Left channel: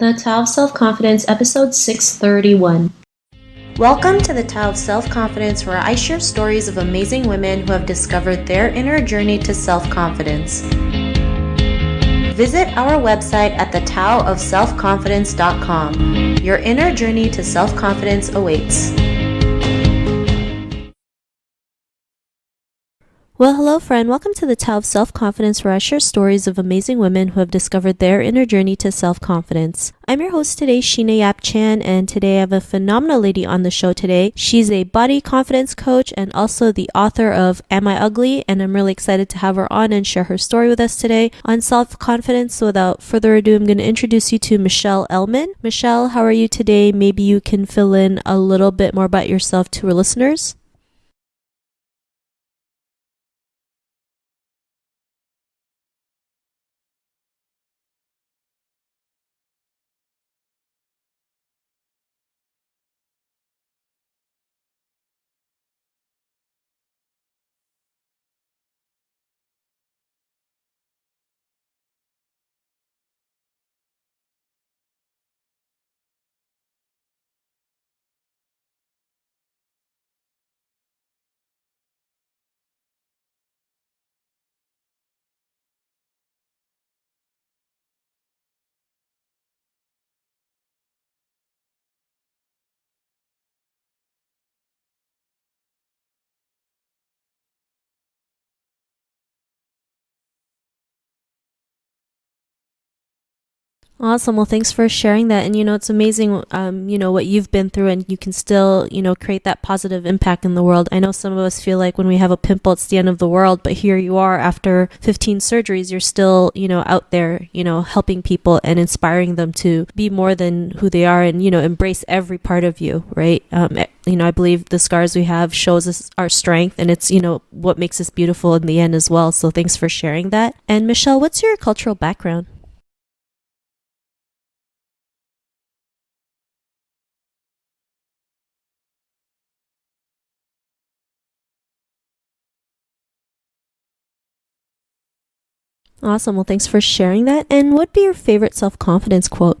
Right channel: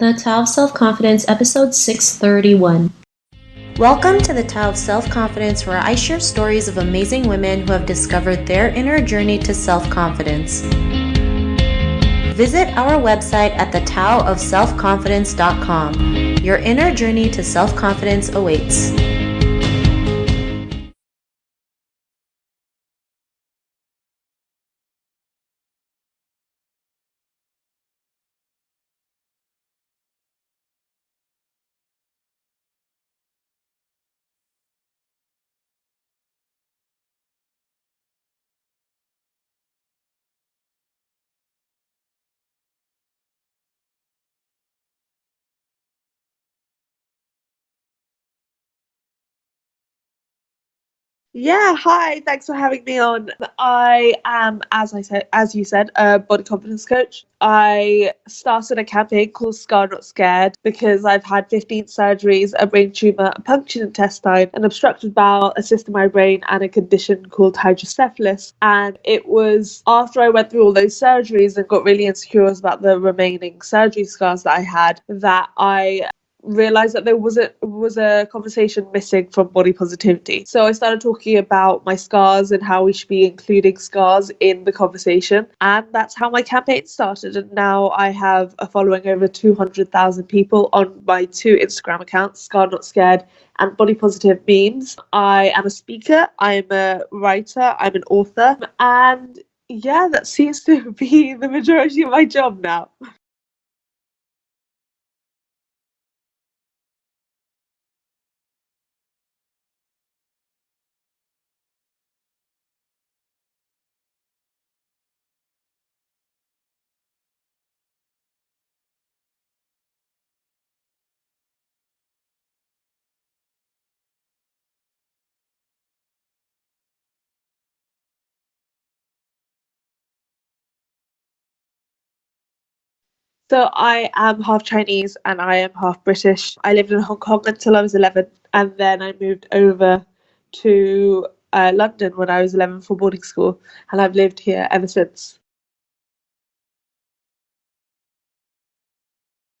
The Tao of Self-Confidence, episode 631. Welcome to the Tao of Self-Confidence, where I share stories of amazing women who have discovered their inner journey to self-confidence. Visit our website at thetaoofselfconfidence.com. Your inner journey to self-confidence awaits. Well, hello, friend. Welcome to the Tao of Self-Confidence, where I share stories of amazing women who have discovered their inner journey to self-confidence. I'm your host today, Sheena Yap Chan, and today I have a phenomenal lady on the show today. She's a body confidence coach and also the author of Am I Ugly? And I'm really excited to have her on and share her story with us today on self-confidence. So without further ado, I'm going to introduce you to Michelle Elman. Michelle, how are you today? Maybe you can fill in a little bit more about yourself to our listeners. Yeah, hi. Thanks for having me on. I am, as you said, a body confidence coach. I started a campaign called Scar Not Scared because I've had 15 surgeries, a brain tumor, a punctured intestine, an obstructed bowel, a cyst in my brain, and a condition called hydrocephalus. And it was after I went through all those surgeries and got really insecure about the remaining surgery scars that I had that I realized that there was a conversation missing from body positivity. So I started talking about my scars and how we should be including scars in the conversation, and that's how my campaign started. And now I have a following over 200,000 people on my two Instagram accounts, Scar Not Scared and Body Positive Memes. I am a speaker, I'm a writer, I'm an author, and yeah, that seems to be the majority of my job now. Awesome. Well, thanks for sharing that. And, it's amazing, what you've been through, and you can still, create that positive impact in the world. I know some of us feel like when we have a pimple, it's the end of the world, but here you are after 15 surgeries, you're still, out there, helping people and inspiring them to be more than who they are and, embrace every part of you, right? I believe the scars we have shows us our strength, and it's, what makes us beautiful in the end as well. So thanks for sharing that. And Michelle, what's your cultural background? So I am half Chinese and I am half British. I lived in Hong Kong until I was 11, and then I moved over to London when I was 11 for boarding school, and I've lived here ever since. Awesome. Well, thanks for sharing that. And what'd be your favorite self-confidence quote?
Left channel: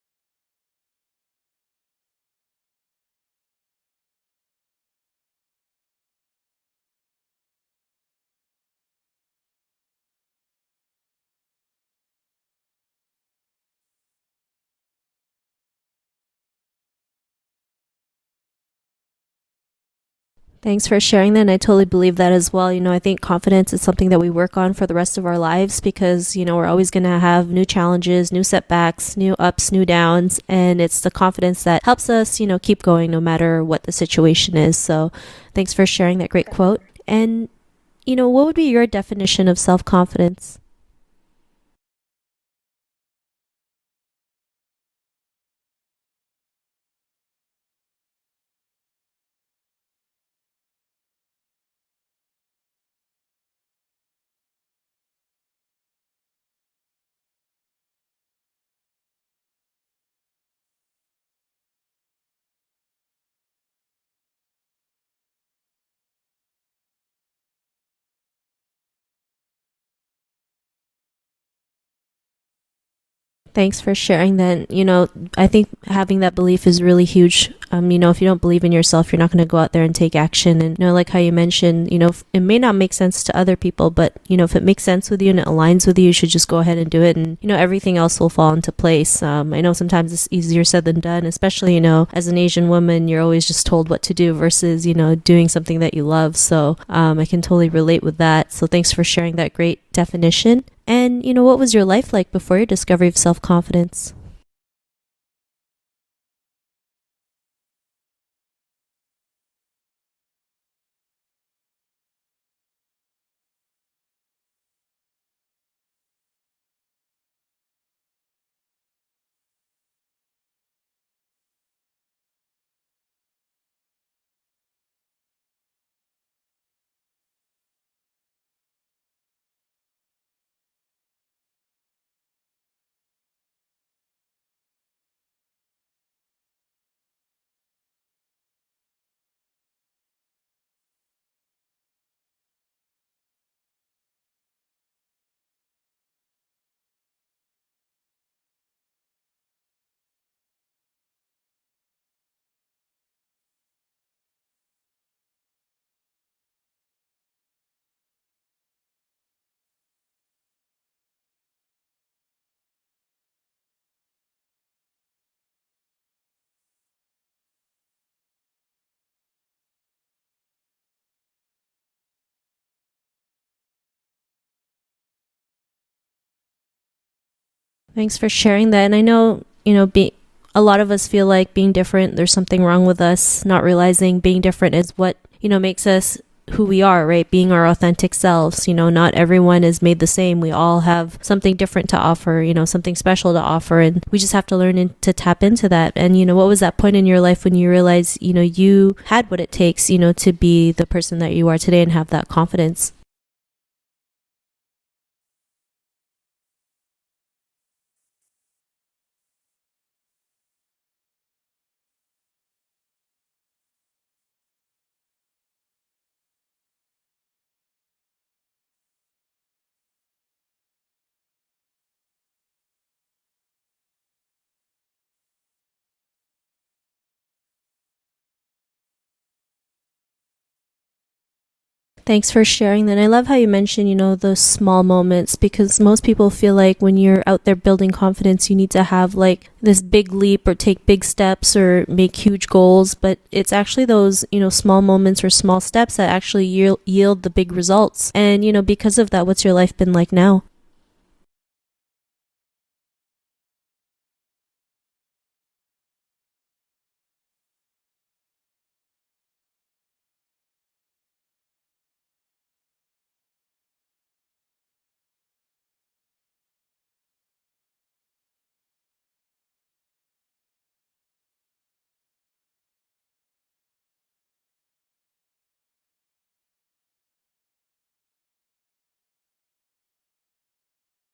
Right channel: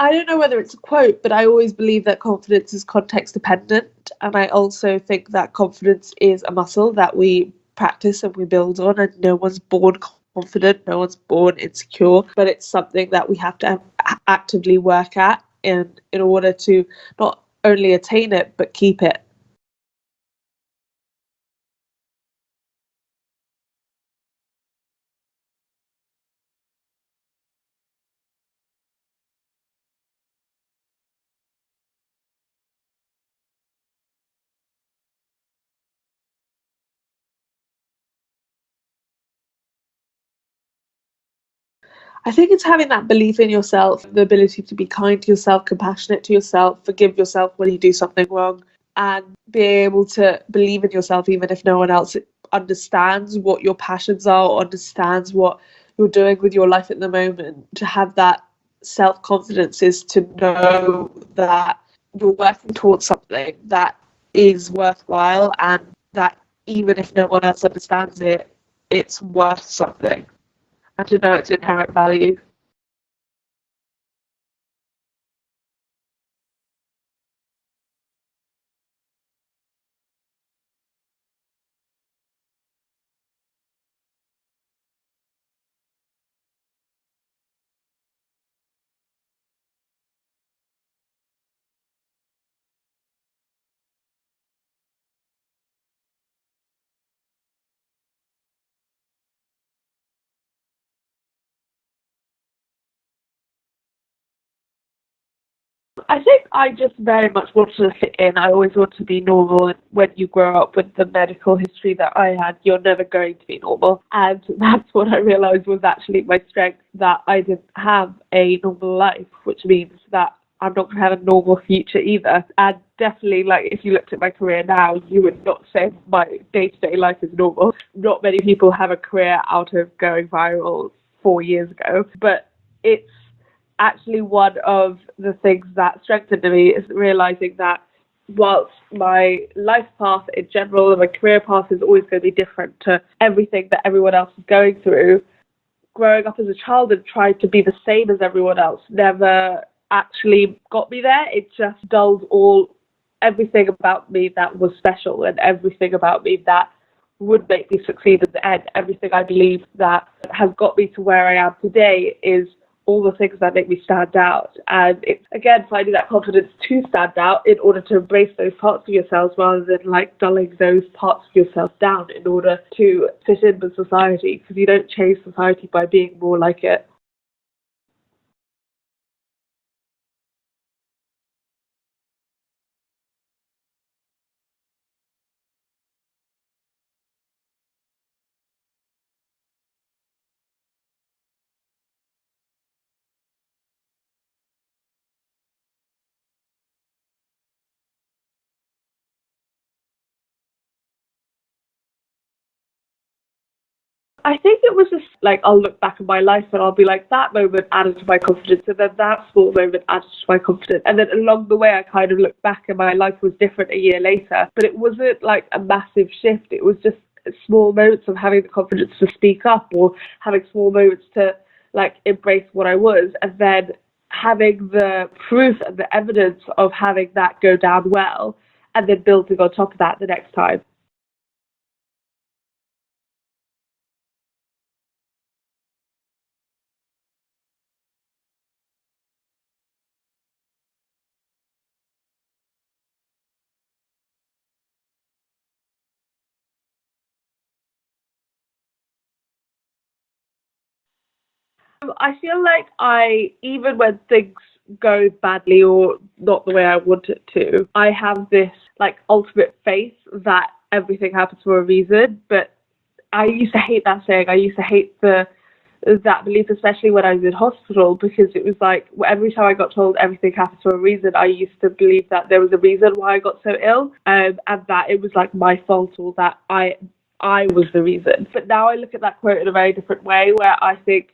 I don't know whether it's a quote, but I always believe that confidence is context dependent, and I also think that confidence is a muscle that we practice and we build on, and no one's born confident, no one's born insecure, but it's something that we have to actively work at in order to not only attain it but keep it. Thanks for sharing that. And I totally believe that as well. I think confidence is something that we work on for the rest of our lives because, we're always going to have new challenges, new setbacks, new ups, new downs. And it's the confidence that helps us, keep going no matter what the situation is. So thanks for sharing that great quote. And, what would be your definition of self-confidence? I think it's having that belief in yourself, the ability to be kind to yourself, compassionate to yourself, forgive yourself when you do something wrong, and be able to believe in yourself even if no one else understands what your passions are or understands what you're doing with your life at the moment. To have that self-confidence is to know that you're working towards something that is worthwhile, and that even if no one else understands it, it's worth something, and to know its inherent value. Thanks for sharing that. I think having that belief is really huge. If you don't believe in yourself, you're not going to go out there and take action. And, like how you mentioned, it may not make sense to other people, but, if it makes sense with you and it aligns with you, you should just go ahead and do it. And, everything else will fall into place. I know sometimes it's easier said than done, especially, as an Asian woman, you're always just told what to do versus, doing something that you love. So I can totally relate with that. So thanks for sharing that great definition. And, what was your life like before your discovery of self-confidence? I think I just very much wanted to fit in. I always want to be normal. And when you grow up with the medical history that I had, you're never going to be normal. And that's what I realized was actually my strength, that I didn't have a normal life, which means that I'm not going to have a normal future either. And definitely, if you looked at my career now, you would not say my day-to-day life is normal. Not many people have a career out of going viral 4 years ago, but it's actually one of the things that strengthened me, is realizing that whilst my life path in general and my career path is always going to be different to everything that everyone else is going through, growing up as a child and trying to be the same as everyone else never actually got me there. It just dulled everything about me that was special and everything about me that would make me succeed in the end. Everything I believe that has got me to where I am today is all the things that make me stand out. And it's, again, finding that confidence to stand out in order to embrace those parts of yourselves rather than like dulling those parts of yourself down in order to fit in with society, because you don't change society by being more like it. Thanks for sharing that. And I know, a lot of us feel like being different, there's something wrong with us, not realizing being different is what, makes us who we are, right? Being our authentic selves. Not everyone is made the same. We all have something different to offer, something special to offer. And we just have to learn to tap into that. And, what was that point in your life when you realized, you had what it takes, to be the person that you are today and have that confidence? I think it was just like, I'll look back at my life and I'll be like, that moment added to my confidence, and then that small moment added to my confidence. And then along the way, I kind of looked back and my life was different a year later. But it wasn't like a massive shift. It was just small moments of having the confidence to speak up, or having small moments to like embrace what I was, and then having the proof and the evidence of having that go down well, and then building on top of that the next time. Thanks for sharing that. I love how you mentioned, those small moments, because most people feel like when you're out there building confidence, you need to have like this big leap or take big steps or make huge goals. But it's actually those, small moments or small steps that actually yield the big results. And, because of that, what's your life been like now? I feel like even when things go badly or not the way I want it to, I have this like ultimate faith that everything happens for a reason. But I used to hate that saying. I used to hate that belief, especially when I was in hospital, because it was like every time I got told everything happens for a reason, I used to believe that there was a reason why I got so ill, and that it was like my fault, or that I was the reason. But now I look at that quote in a very different way, where I think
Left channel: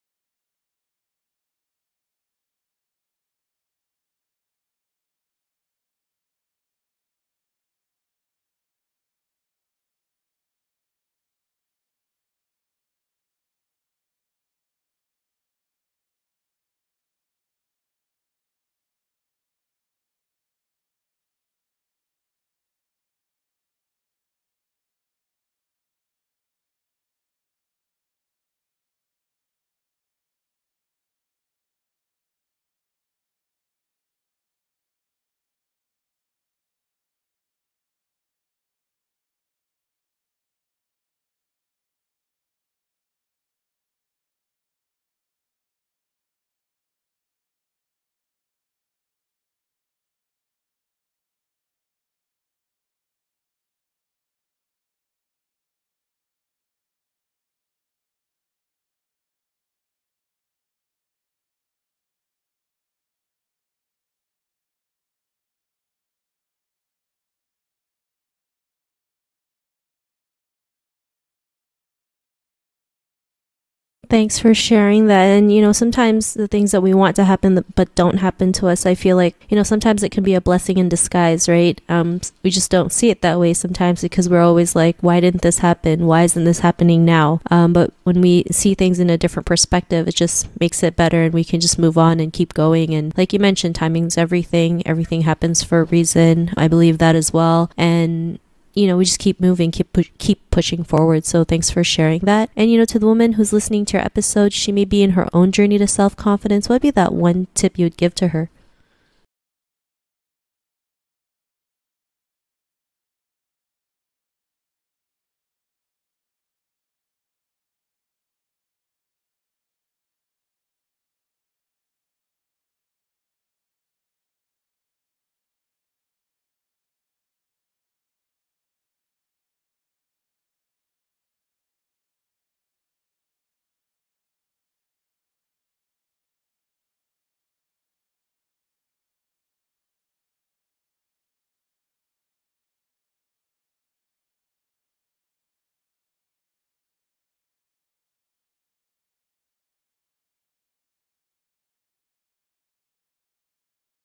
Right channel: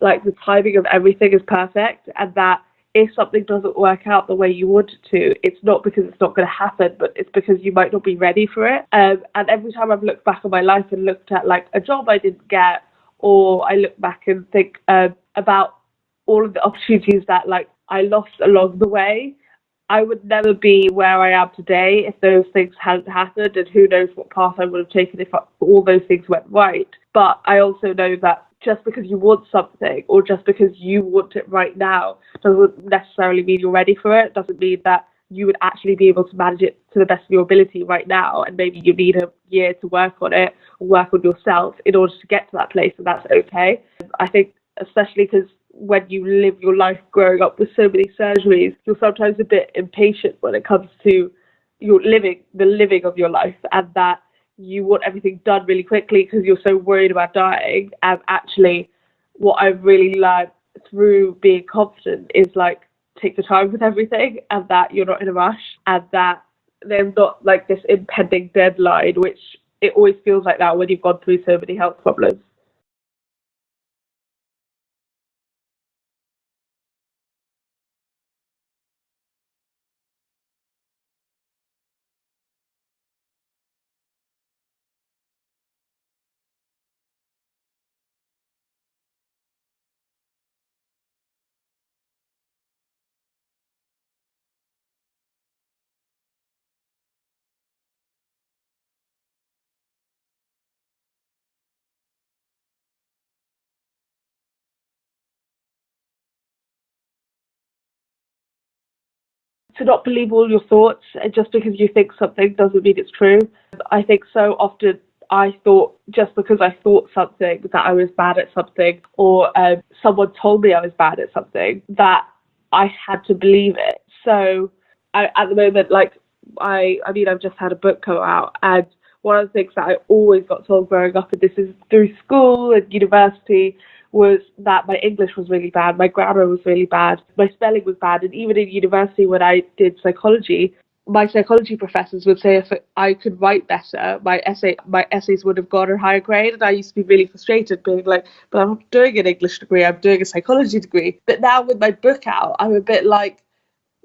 like the timing of everything is perfect, and that if something doesn't work out the way you want it to, it's not because it's not going to happen, but it's because you might not be ready for it. And every time I've looked back on my life and looked at like a job I didn't get, or I look back and think about all of the opportunities that like I lost along the way, I would never be where I am today if those things hadn't happened, and who knows what path I would have taken if all those things went right. But I also know that just because you want something, or just because you want it right now, doesn't necessarily mean you're ready for it. Doesn't mean that you would actually be able to manage it to the best of your ability right now, and maybe you need a year to work on it, or work on yourself in order to get to that place, and that's okay. I think especially because when you live your life growing up with so many surgeries, you're sometimes a bit impatient when it comes to the living of your life, and that you want everything done really quickly because you're so worried about dying. And actually, what I've really learned through being confident is like, take your time with everything, and that you're not in a rush, and that there's not like this impending deadline, which it always feels like that when you've gone through so many health problems. Thanks for sharing that. And, sometimes the things that we want to happen but don't happen to us, I feel like, sometimes it can be a blessing in disguise, right? We just don't see it that way sometimes, because we're always like, why didn't this happen? Why isn't this happening now? But when we see things in a different perspective, it just makes it better, and we can just move on and keep going. And like you mentioned, timing's everything. Everything happens for a reason. I believe that as well. And we just keep moving, keep pushing forward. So thanks for sharing that. And, to the woman who's listening to your episode, she may be in her own journey to self-confidence. What would be that one tip you would give to her? To not believe all your thoughts, and just because you think something doesn't mean it's true. I think so often I thought just because I thought something that I was bad at something, or someone told me I was bad at something, that I had to believe it. So at the moment, like, I've just had a book come out, and one of the things that I always got told growing up, and this is through school and university, was that my English was really bad, my grammar was really bad, my spelling was bad. And even in university, when I did psychology, my psychology professors would say if I could write better, my essays would have got a higher grade. And I used to be really frustrated, being like, but I'm not doing an English degree, I'm doing a psychology degree. But now with my book out, I'm a bit like,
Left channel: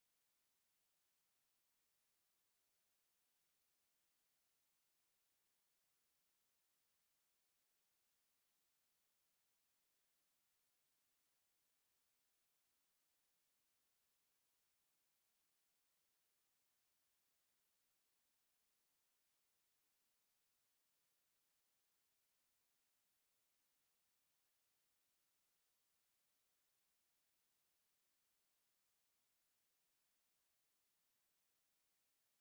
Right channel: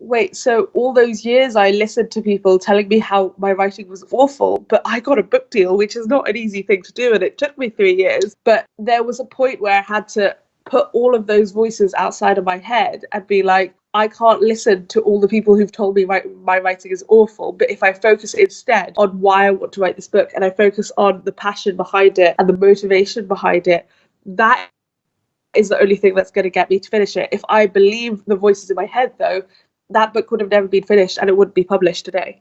Wait, so all those years I listened to people telling me how my writing was awful, but I got a book deal, which is not an easy thing to do, and it took me 3 years. But there was a point where I had to put all of those voices outside of my head and be like, I can't listen to all the people who've told me my writing is awful. But if I focus instead on why I want to write this book, and I focus on the passion behind it and the motivation behind it, that is the only thing that's going to get me to finish it. If I believe the voices in my head, though, that book would have never been finished and it wouldn't be published today.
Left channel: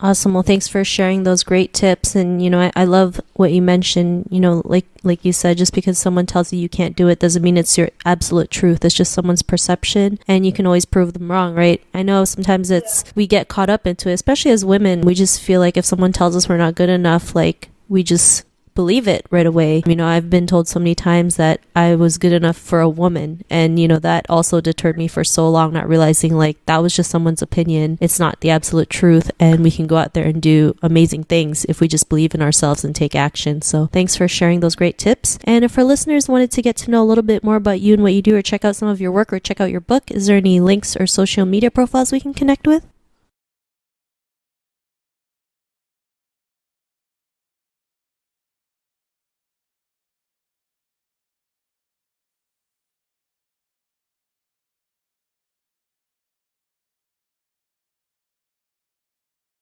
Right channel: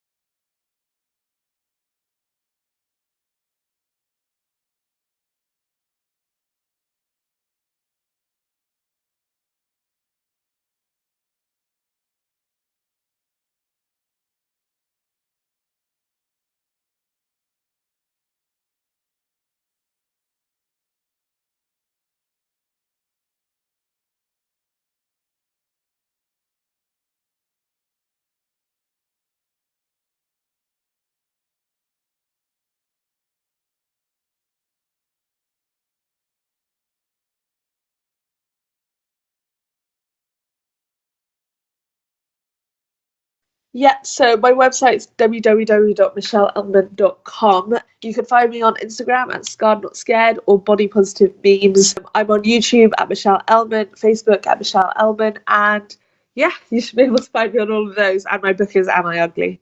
Awesome. Well, thanks for sharing those great tips. And, I love what you mentioned, like you said, just because someone tells you can't do it doesn't mean it's your absolute truth. It's just someone's perception and you can always prove them wrong, right? I know sometimes we get caught up into it, especially as women. We just feel like if someone tells us we're not good enough, like we just believe it right away. I've been told so many times that I was good enough for a woman, and that also deterred me for so long, not realizing like that was just someone's opinion. It's not the absolute truth, and we can go out there and do amazing things if we just believe in ourselves and take action. So thanks for sharing those great tips. And if our listeners wanted to get to know a little bit more about you and what you do, or check out some of your work, or check out your book, is there any links or social media profiles we can connect with? Yeah, so my website's www.michelleelman.com. You can find me on Instagram at Scarred Not Scared or Body Positive Memes. I'm on YouTube at Michelle Elman, Facebook at Michelle Elman, and yeah, you should be able to find me on all of those. And my book is Am I Ugly?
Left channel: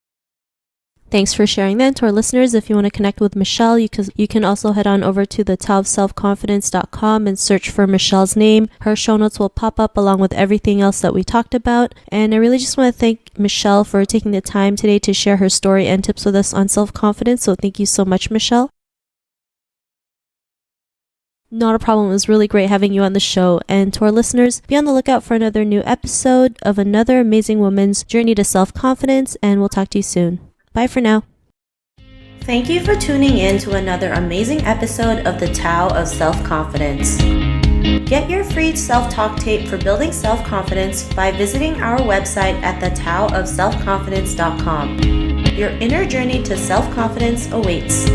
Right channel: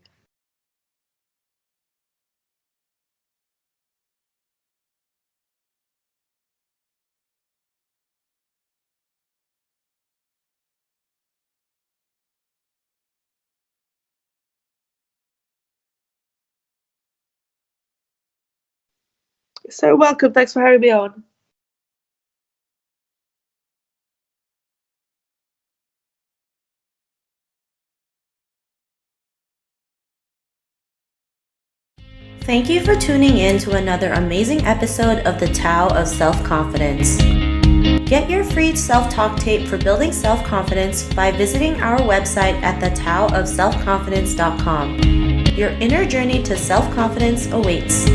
Thanks for sharing that. To our listeners, if you want to connect with Michelle, you can also head on over to the taoofselfconfidence.com and search for Michelle's name. Her show notes will pop up along with everything else that we talked about. And I really just want to thank Michelle for taking the time today to share her story and tips with us on self-confidence. So thank you so much, Michelle. So welcome. Thanks for having me on. Not a problem. It was really great having you on the show. And to our listeners, be on the lookout for another new episode of another amazing woman's journey to self-confidence. And we'll talk to you soon. Bye for now. Thank you for tuning in to another amazing episode of the Tao of Self-Confidence. Get your free self-talk tape for building self-confidence by visiting our website at thetaoofselfconfidence.com. Your inner journey to self-confidence awaits.